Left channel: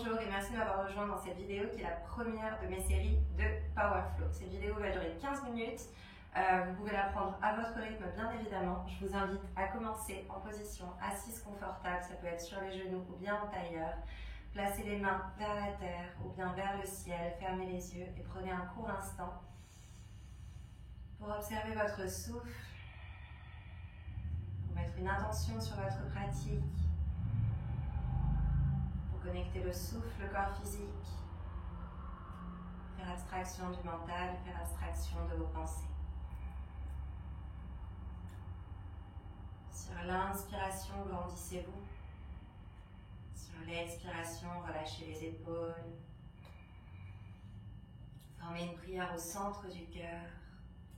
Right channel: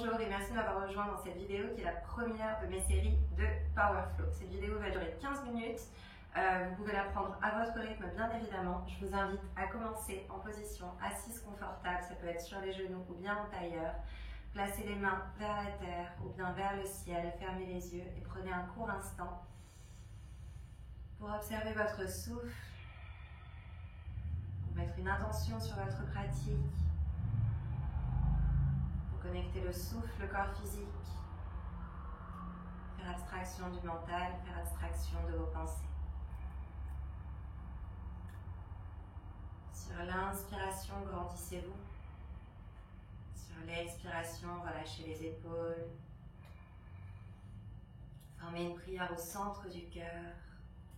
Bonjour et merci de m'avoir rejoint dans cette vidéo qui est la première de mes séries de Power Flow. Cette vidéo va durer 15 minutes. Vous pouvez la prendre à votre rythme bien évidemment. Je vous invite à commencer en position assise confortable. Ça peut être sur les genoux ou bien en tailleur. Placez les mains vers la terre ou bien vers le ciel. Fermez les yeux et prenez un court instant pour observer votre souffle, pour mettre une intention sur votre pratique. Connecter le souffle, le corps physique, faire abstraction du mental, faire abstraction de vos pensées. Sur l'inspiration, grandissez-vous. Sur l'expiration, relâchez les épaules. Formez une prière au centre du cœur.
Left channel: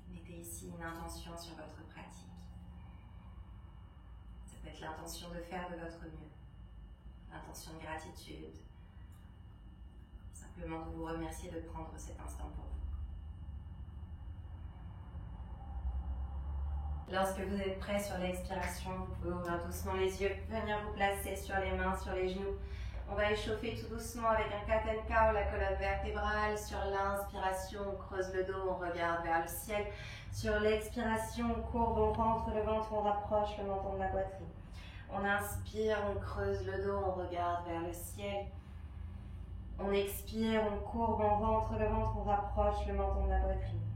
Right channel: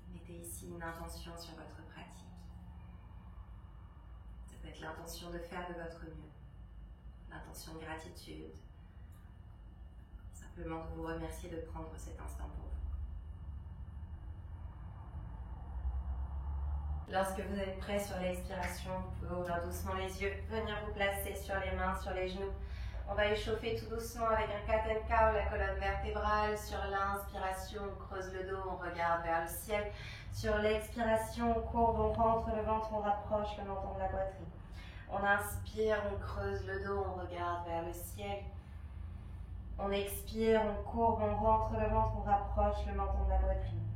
Mettez ici une intention sur votre pratique. Ça peut être l'intention de faire de votre mieux. L'intention de gratitude, simplement de vous remercier de prendre cet instant pour vous. Lorsque vous êtes prêt sur l'expiration, vous pouvez ouvrir doucement les yeux, venir vous placer sur les mains, sur les genoux. On va échauffer tout doucement avec un cat and cow, la colonne vertébrale. Sur l'inspiration, on creuse le dos, on regarde vers le ciel. Sur l'expiration, on courbe, on rentre le ventre, on rapproche le menton de la poitrine. On inspire, on creuse le dos, on regarde vers le ciel. On expire, on courbe, on rentre le ventre, on rapproche le menton de la poitrine.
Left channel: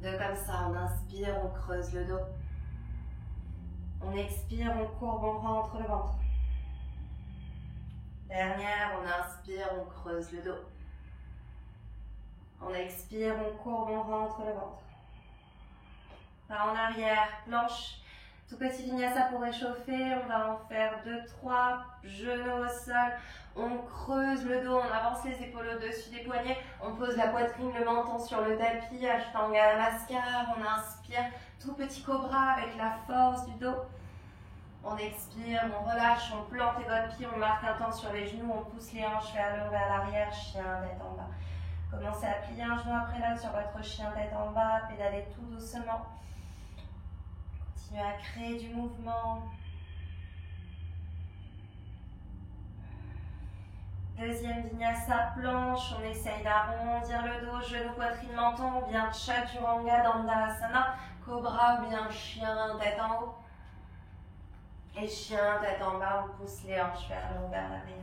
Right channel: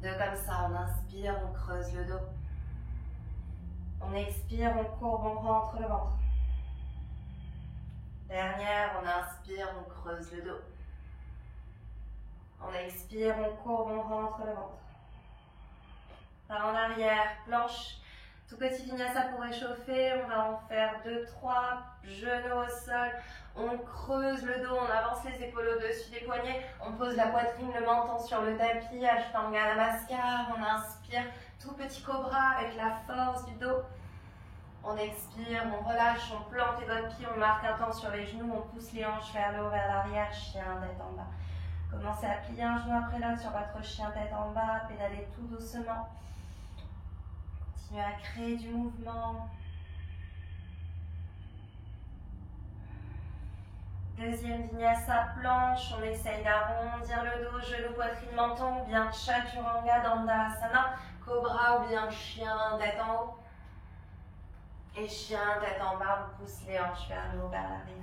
Deux comme ça, on inspire, on creuse le dos. On expire, on courbe, on rentre le ventre. Dernière, on inspire, on creuse le dos. On expire, on courbe, on rentre le ventre. Par en arrière, planche. Tout petit vinyasa pour réchauffer, on va en faire 2-3, genoux au sol, on creuse le dos, on avance les épaules au-dessus des poignets, on pose la poitrine, le menton sur le tapis, Ashtanga Namaskar, on inspire, tout petit cobra avec la force du dos. On expire, on relâche, on plante les doigts de pied, on marque un temps sur les genoux, on pousse les hanches vers le haut, vers l'arrière, chien tête en bas. Commencez à plier un genou après l'autre sur votre chien tête en bas, pédalez tout doucement. Continuez à créer du mouvement. Deuxième vinyasa, planche. On essaye d'arrondir le dos, genou, poitrine, menton, ou bien chaturanga, dandasana, cobra ou bien chien, tête en haut. Et chien, tête en bas, on pousse les hanches vers le haut, vers l'arrière.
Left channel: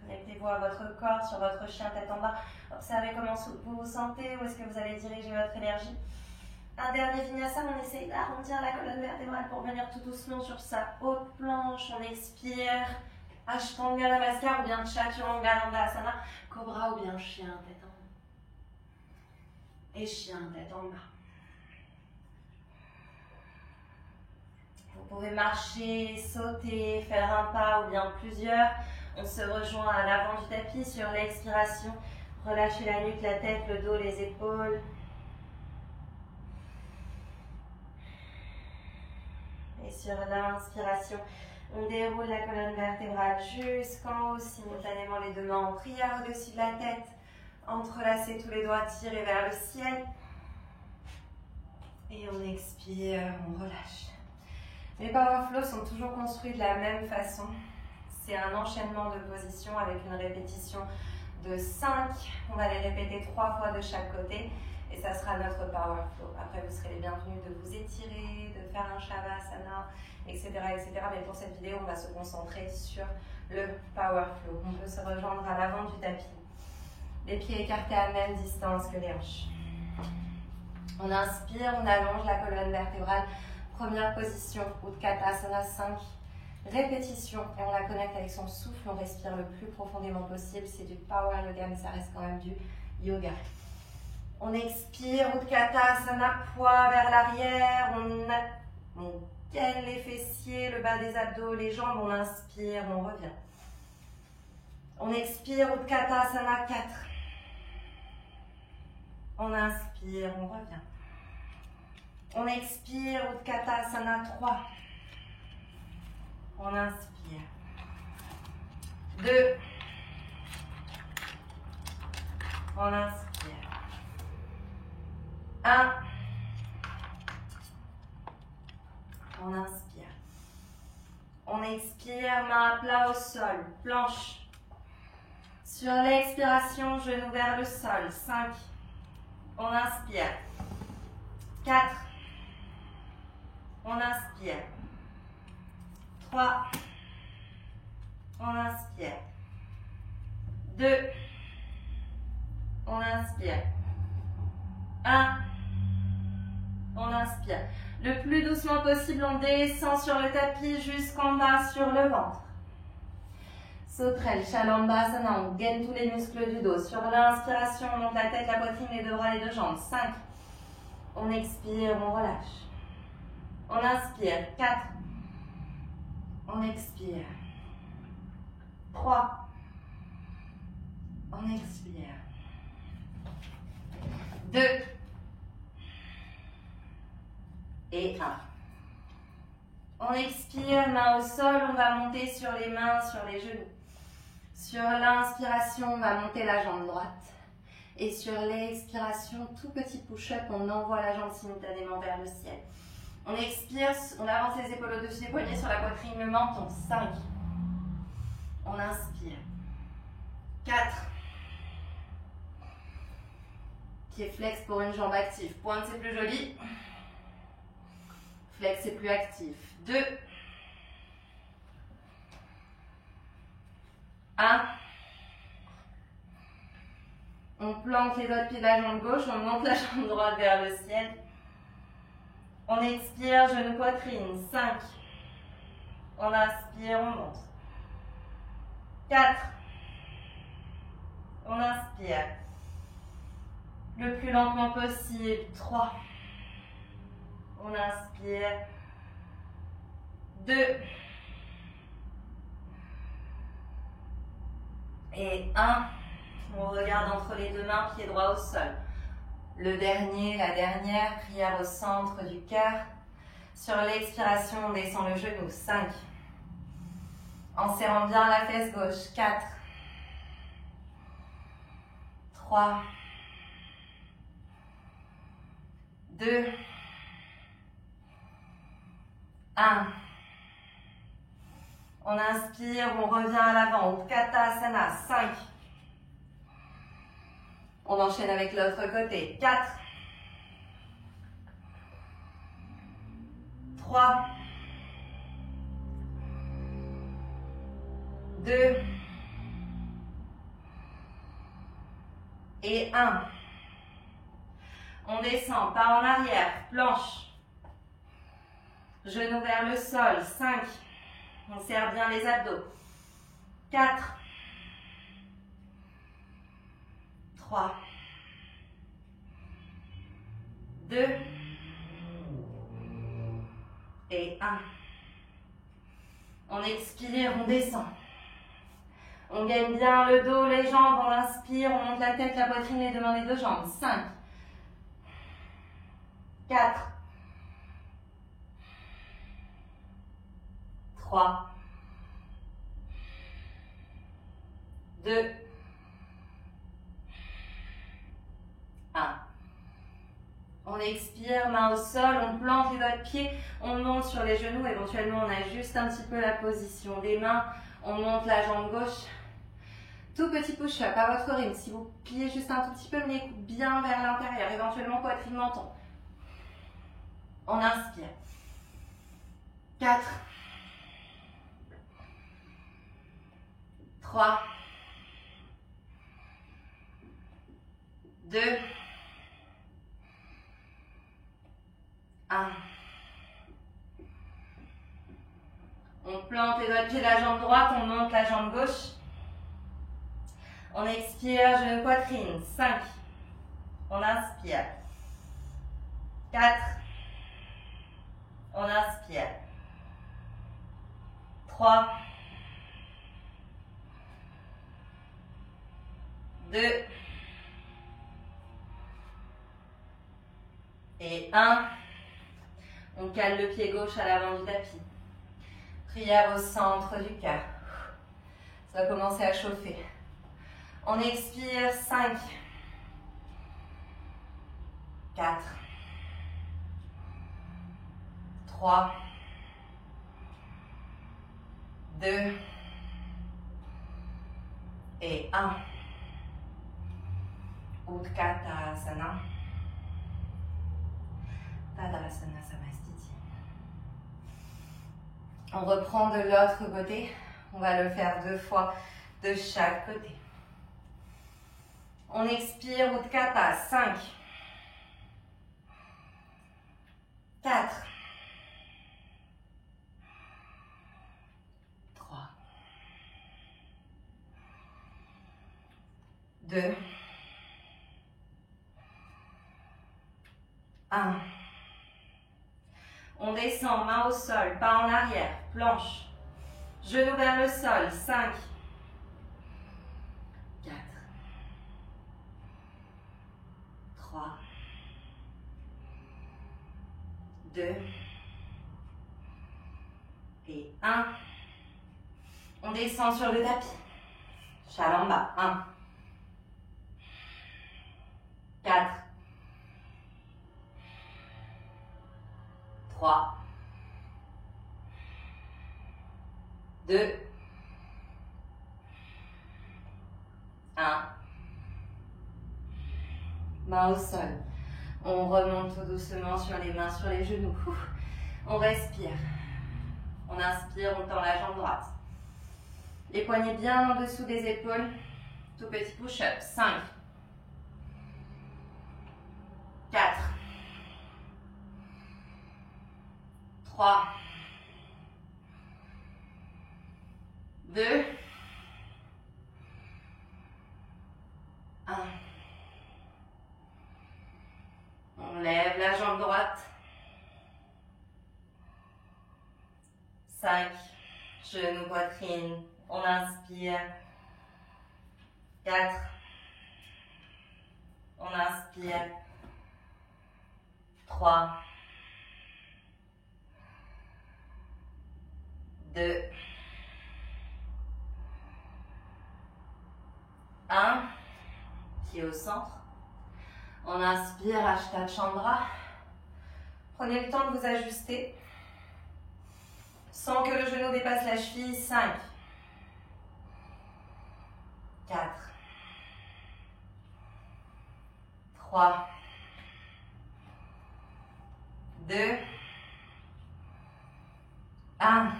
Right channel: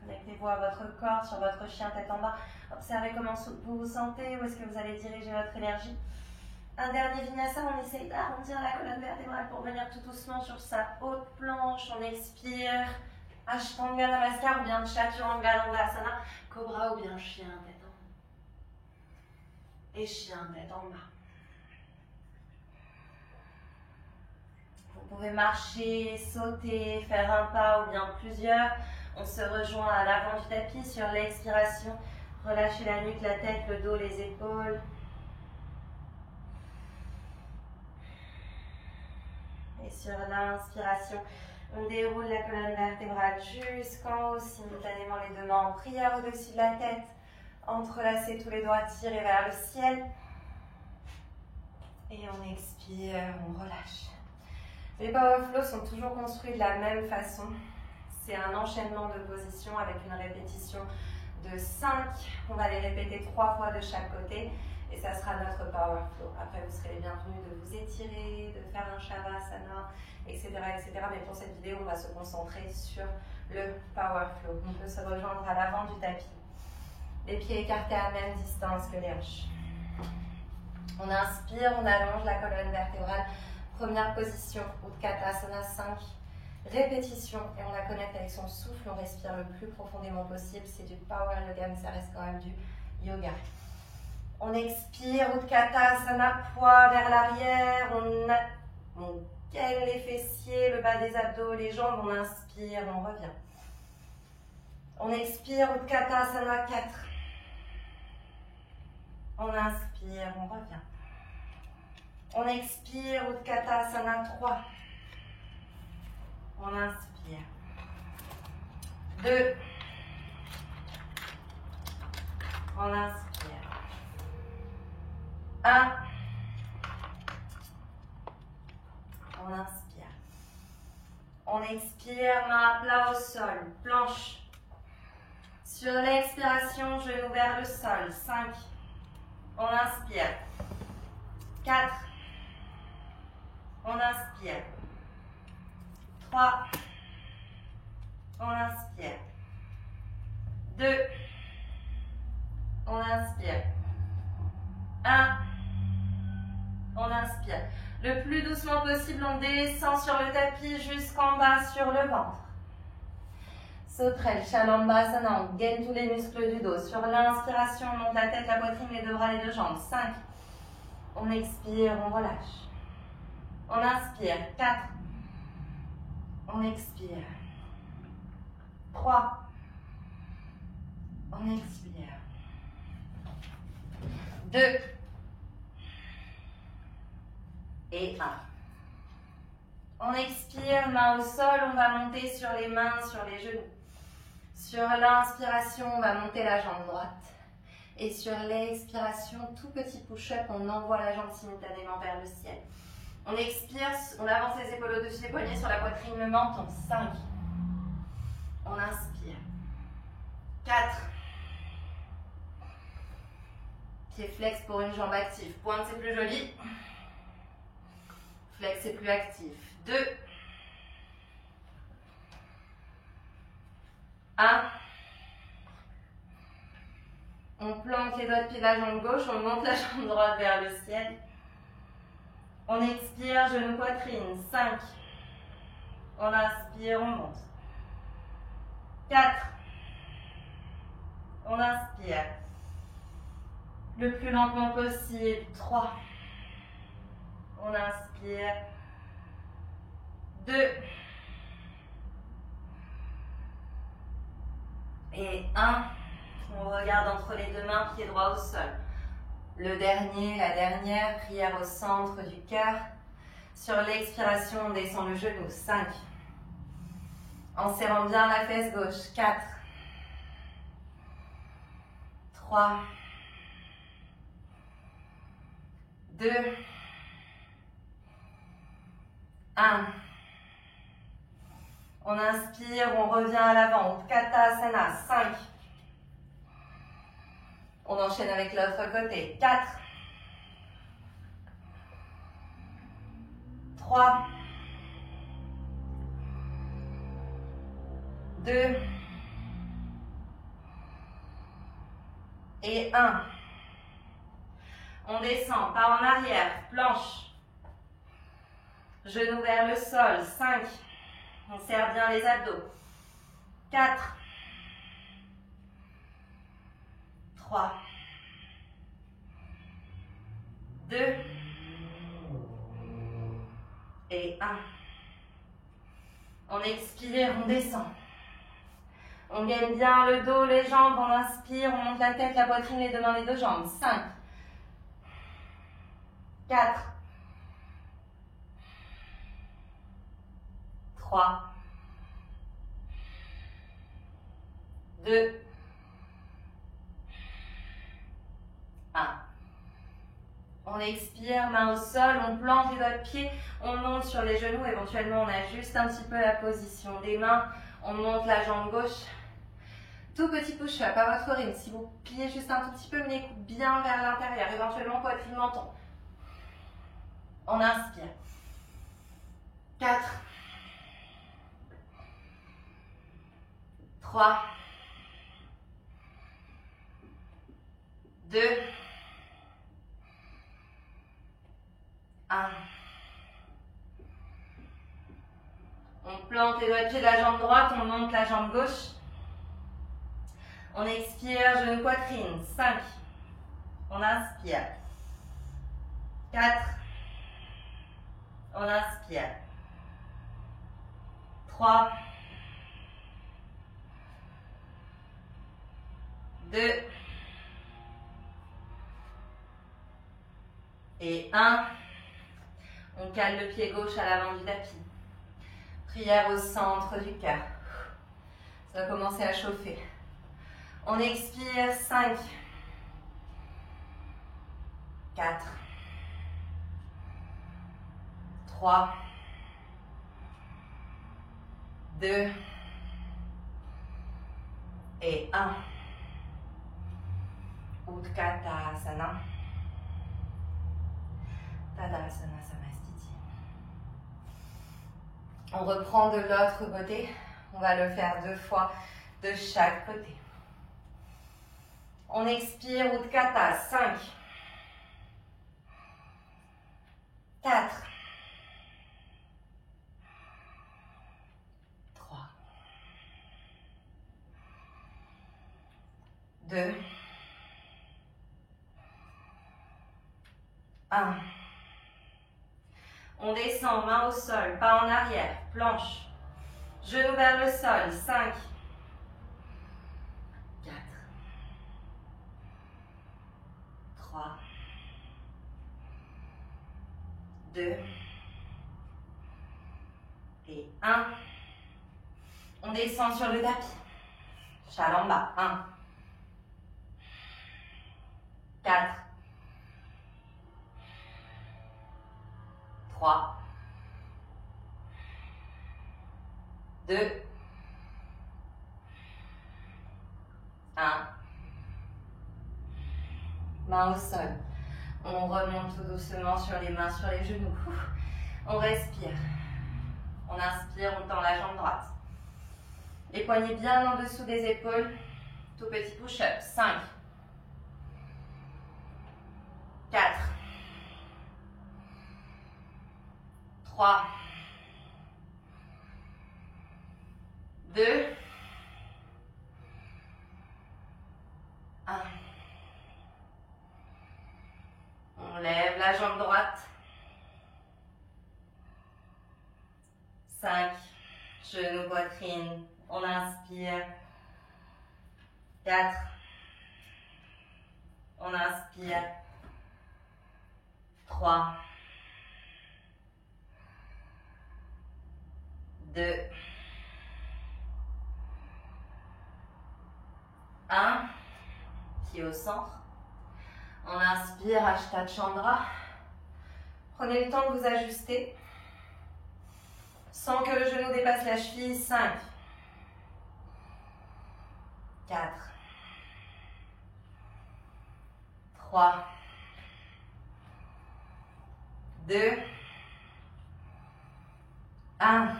Connectez-vous à votre corps, sur votre chien tête en bas. Observez comment vous vous sentez, où est-ce que vous allez diriger votre énergie. Un dernier vinyasa, on essaye d'arrondir la colonne vertébrale pour venir tout doucement sur sa haute planche. On expire. Ashtanga Namaskar ou bien Chaturanga Dandasana. Cobra ou bien chien tête en haut. Et chien tête en bas. Vous pouvez marcher, sauter, faire un pas ou bien plusieurs. On se rejoint à l'avant du tapis sur l'expiration. Relâchez la nuque, la tête, le dos, les épaules. Et sur l'inspiration, on déroule la colonne vertébrale jusqu'en haut, simultanément les deux mains en prière au-dessus de la tête. Entrelacez tous les doigts, tirez vers le ciel. Et on expire, on relâche. Les Power Flow sont toujours construits de la même façon. C'est un enchaînement de positions avec une répétition de 5. On va les répéter 3 fois de chaque côté et ça sera notre Power Flow. Après, vous serez les bienvenus de vous étirer, de faire un Shavasana, etc., etc. Mais pour cette vidéo, on va se concentrer sur le Power Flow. On peut se rejoindre à l'avant du tapis. Les pieds écartés à la même distance que les hanches. On inspire, on allonge la colonne vertébrale. Première position, Utkatasana 5. Répétition et on la connecte avec son souffle, on respire le plus profondément possible, c'est du power yoga mais ça reste quand même du yoga. On expire, Utkatasana, poids vers l'arrière, on gaine les fessiers, le bas des abdos, les jambes, on inspire, on revient. On expire, Utkatasana 4. On inspire, on revient. On expire, Utkatasana 3. On inspire. 2. On inspire. 1. On inspire. On expire, main à plat au sol, planche. Sur l'expiration, genou vers le sol. 5. On inspire. 4. On inspire. 3. On inspire. 2. On inspire. 1. On inspire. Le plus doucement possible, on descend sur le tapis jusqu'en bas sur le ventre. Sauterelle, Shalambhasana, on gaine tous les muscles du dos. Sur l'inspiration, on monte la tête, la poitrine, les deux bras, les deux jambes. 5. On expire, on relâche. On inspire. 4. On expire. 3. On expire. 2. Et 1. On expire, main au sol, on va monter sur les mains, sur les genoux. Sur l'inspiration, on va monter la jambe droite. Et sur l'expiration, tout petit push-up, on envoie la jambe simultanément vers le ciel. On expire, on avance les épaules au-dessus des poignets sur la poitrine, le menton. 5. On inspire. 4. Pied flex pour une jambe active. Pointe, c'est plus joli. Flex, c'est plus actif. 2. 1. On plante les doigts de pied de la jambe gauche, on monte la jambe droite vers le ciel. On expire, genou poitrine. 5. On inspire, on monte. 4. On inspire. Le plus lentement possible. 3. On inspire. 2. Et 1. On regarde entre les deux mains, pied droit au sol. Le dernier, la dernière, prière au centre du cœur. Sur l'expiration, on descend le genou. 5. En serrant bien la fesse gauche. 4. 3. 2. 1. On inspire, on revient à l'avant. Utkatasana. 5. On enchaîne avec l'autre côté. 4. 3. 2. Et 1. On descend, pas en arrière, planche. Genou vers le sol. 5. On serre bien les abdos. 4. 3. 2. Et 1. On expire, on descend. On gaine bien le dos, les jambes, on inspire, on monte la tête, la poitrine, les deux mains, les deux jambes. 5. 4. 3. 2. 1. On expire, main au sol, on plante les doigts de pied, on monte sur les genoux, éventuellement on ajuste un petit peu la position des mains, on monte la jambe gauche. Tout petit push-up à votre rythme. Si vous pliez juste un tout petit peu, menez bien vers l'intérieur, éventuellement poitrine menton. On inspire. 4. 3. 2. 1. On plante les doigts de pied de la jambe droite, on monte la jambe gauche. On expire, genou poitrine. 5. On inspire. 4. On inspire. 3. 2. Et 1. On cale le pied gauche à l'avant du tapis. Prière au centre du cœur. Ça va commencer à chauffer. On expire. 5. 4. 3. 2 et 1. Utkatasana. Tadasana Samastiti. On reprend de l'autre côté. On va le faire 2 fois de chaque côté. On expire, Utkata, 5, 4, 3, 2, 1. On descend, main au sol, pas en arrière, planche, genou vers le sol, 5, 4, 3, 2 et 1. On descend sur le tapis. Chalamba, 1, 4, 3, 2, 1. Main au sol. On remonte tout doucement sur les mains, sur les genoux. On respire. On inspire, on tend la jambe droite. Les poignets bien en dessous des épaules. Tout petit push-up. 5, 4, 3, 2, 1. On lève la jambe droite. 5, genou, poitrine. On inspire. 4. On inspire. 3. 2. 1. Pied au centre. On inspire, Ashtanga Chandra. Prenez le temps de vous ajuster sans que le genou dépasse la cheville. 5, 4, 3, 2, 1.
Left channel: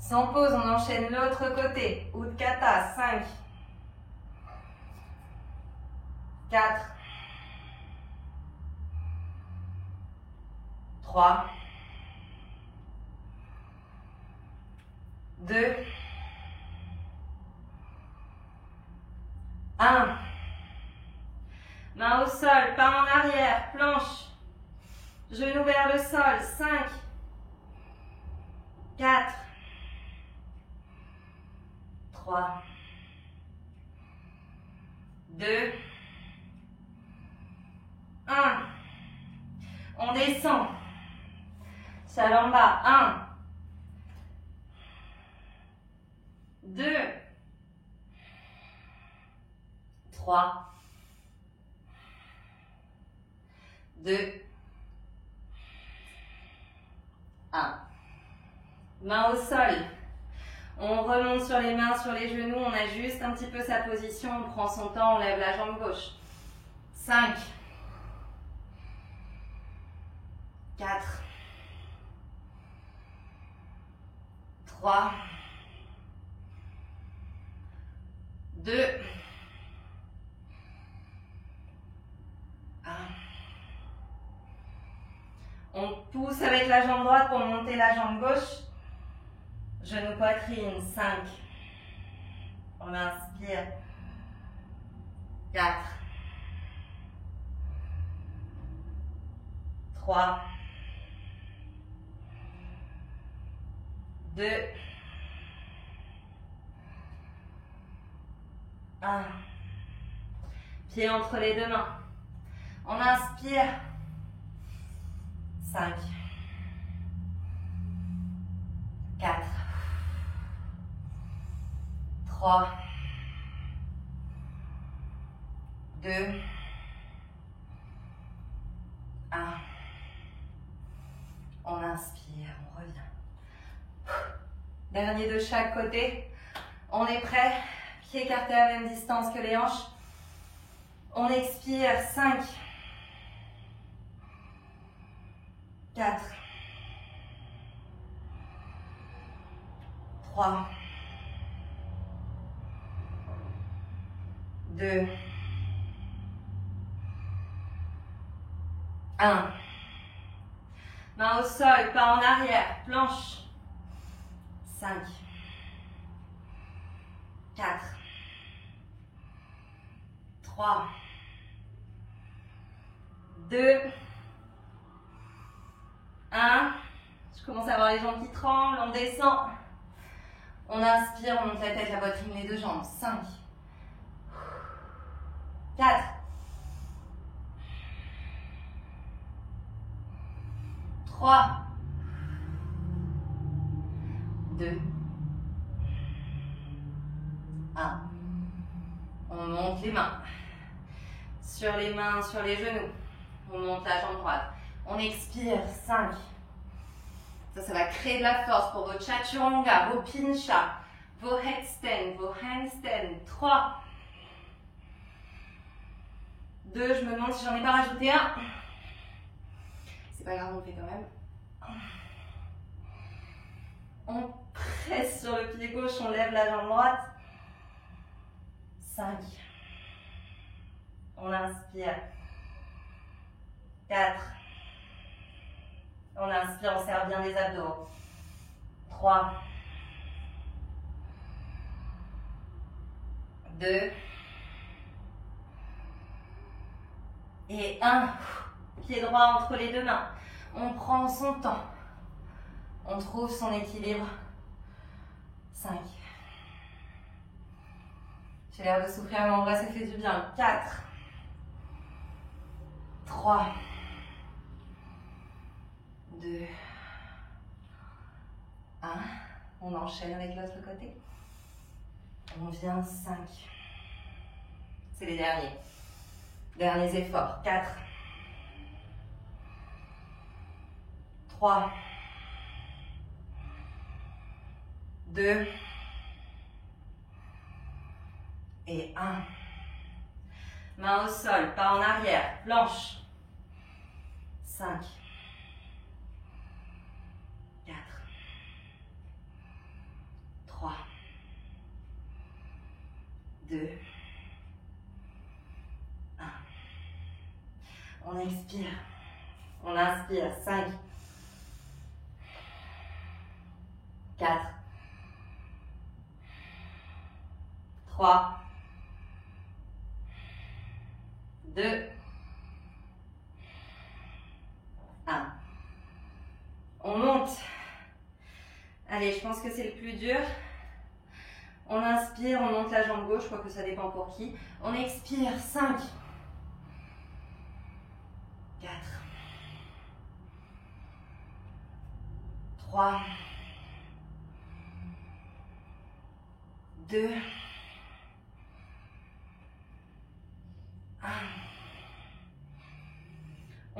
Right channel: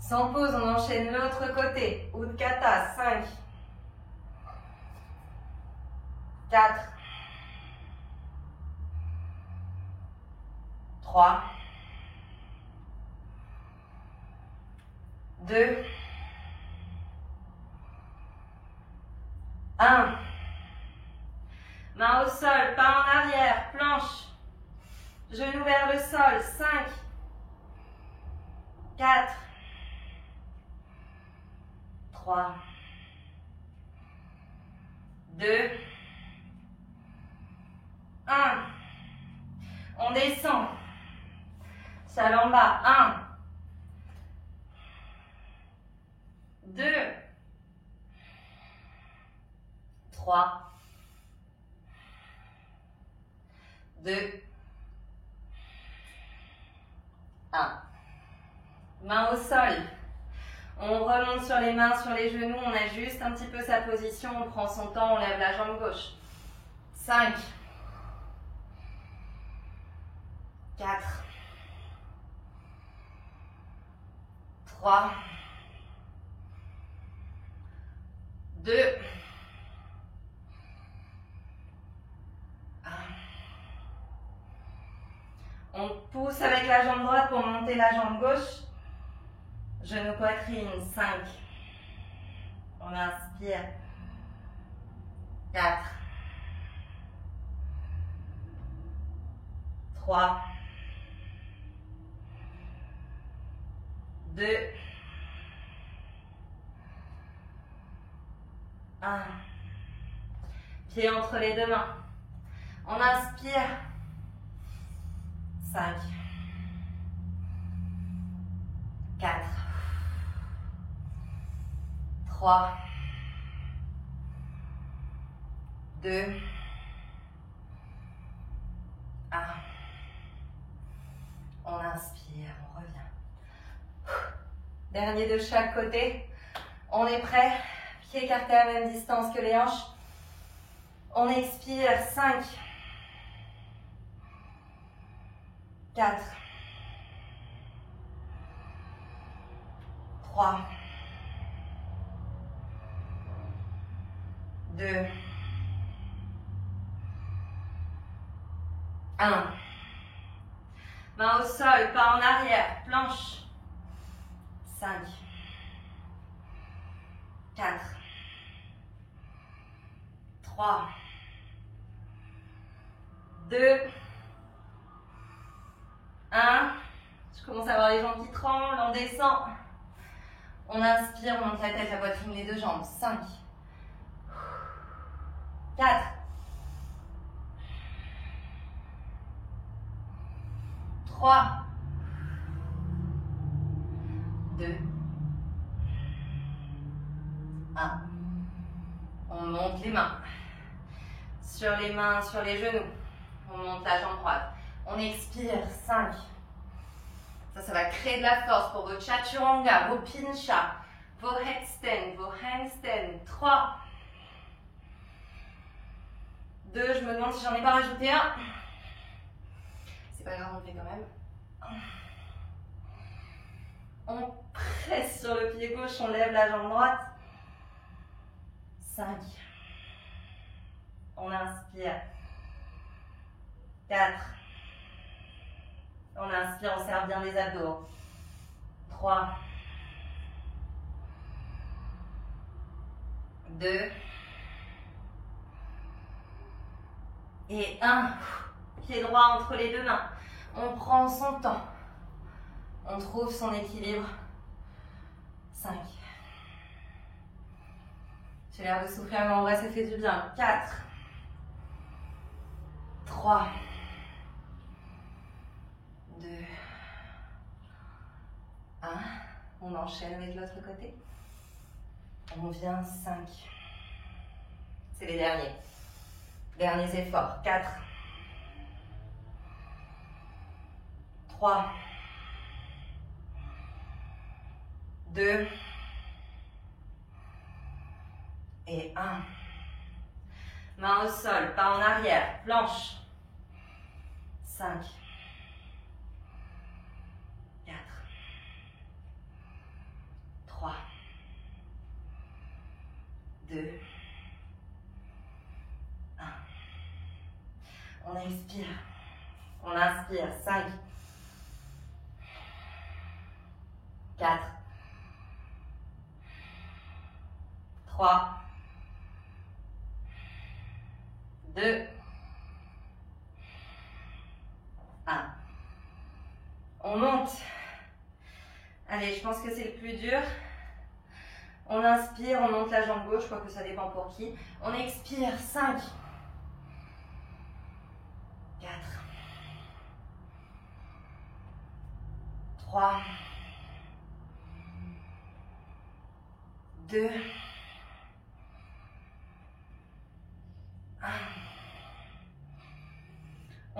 Sans pause, on enchaîne l'autre côté. Utkatas, 5, 4, 3, 2, 1. Main au sol, pas en arrière, planche. Genou vers le sol, 5, 4, 3, 2, 1. On descend. Salamba, 1, 2, 3, 2, 1. Main au sol. On remonte sur les mains, sur les genoux, on ajuste un petit peu sa position, on prend son temps, on lève la jambe gauche. 5, 4, 3, 2, 1. On pousse avec la jambe droite pour monter la jambe gauche. Genou poitrine, 5. On inspire. 4. 3. 2. 1. Pied entre les deux mains. On inspire. 5. 4. 3. 2. 1. On inspire, on revient. Dernier de chaque côté. On est prêt. Pieds écartés à la même distance que les hanches. On expire. 5, 4, 3, 2, 1. Main au sol, pas en arrière, planche. 5, 4, 3, 2, 1. Je commence à avoir les jambes qui tremblent, on descend. On inspire, on monte la tête, la poitrine, les deux jambes. 5, 4, 3, 2, 1. On monte les mains. Sur les mains, sur les genoux. On monte la jambe droite. On expire. 5. Ça va créer de la force pour vos chaturanga, vos pincha, vos headstands, vos handstands. 3, 2. Je me demande si j'en ai pas rajouté un. C'est pas grave, on le fait quand même. On presse sur le pied gauche, on lève la jambe droite. 5. On inspire. 4. On inspire, on serre bien les abdos. 3. 2. Et 1. Pied droit entre les deux mains. On prend son temps. On trouve son équilibre. 5. J'ai l'air de souffrir, mais en vrai, ça fait du bien. 4. 3. 2. 1. On enchaîne avec l'autre côté. On vient 5. C'est les derniers. Derniers efforts. 4. 3. 2. Et 1. Main au sol, pas en arrière. Planche. 5. 4. 3. 2. 1. On expire. On inspire. 5. 4. 3. 2. 1. On monte. Allez, je pense que c'est le plus dur. On inspire, on monte la jambe gauche, je crois que ça dépend pour qui. On expire. 5. 4. 3. 2. 1.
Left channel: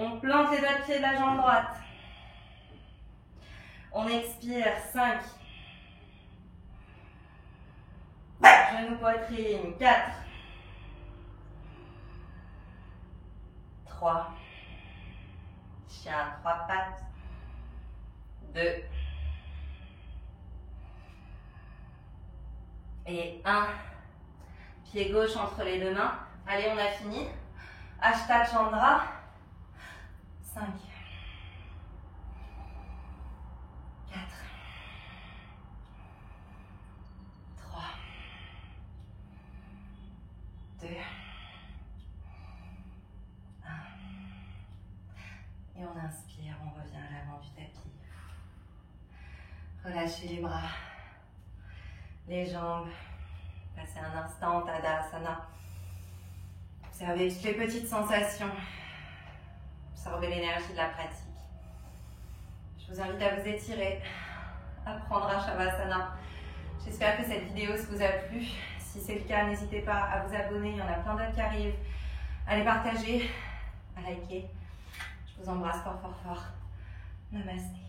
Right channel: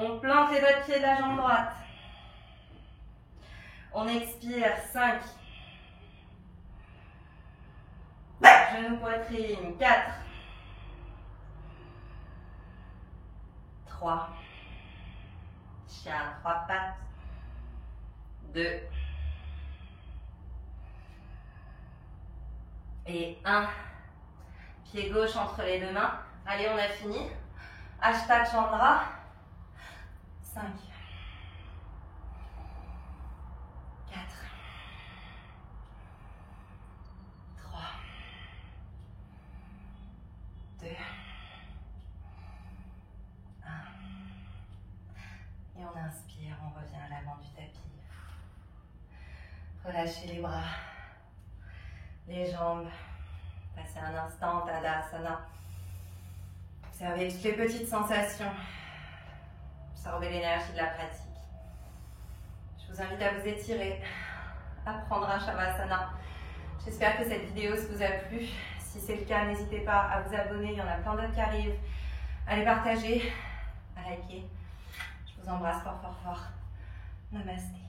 On plante les doigts de pied de la jambe droite. On expire. 5. Genou poitrine. 4. 3. Chien, 3 pattes. 2. Et 1. Pied gauche entre les deux mains. Allez, on a fini. Ashta Chandra. 5. 4. 3. 2. 1. Et on inspire, on revient à l'avant du tapis. Relâchez les bras, les jambes. Passez un instant en Tadasana. Observez toutes les petites sensations. Absorbez l'énergie de la pratique. Je vous invite à vous étirer, à prendre un Shavasana. J'espère que cette vidéo vous a plu. Si c'est le cas, n'hésitez pas à vous abonner. Il y en a plein d'autres qui arrivent. À les partager, à liker. Je vous embrasse fort, fort, fort. Namasté.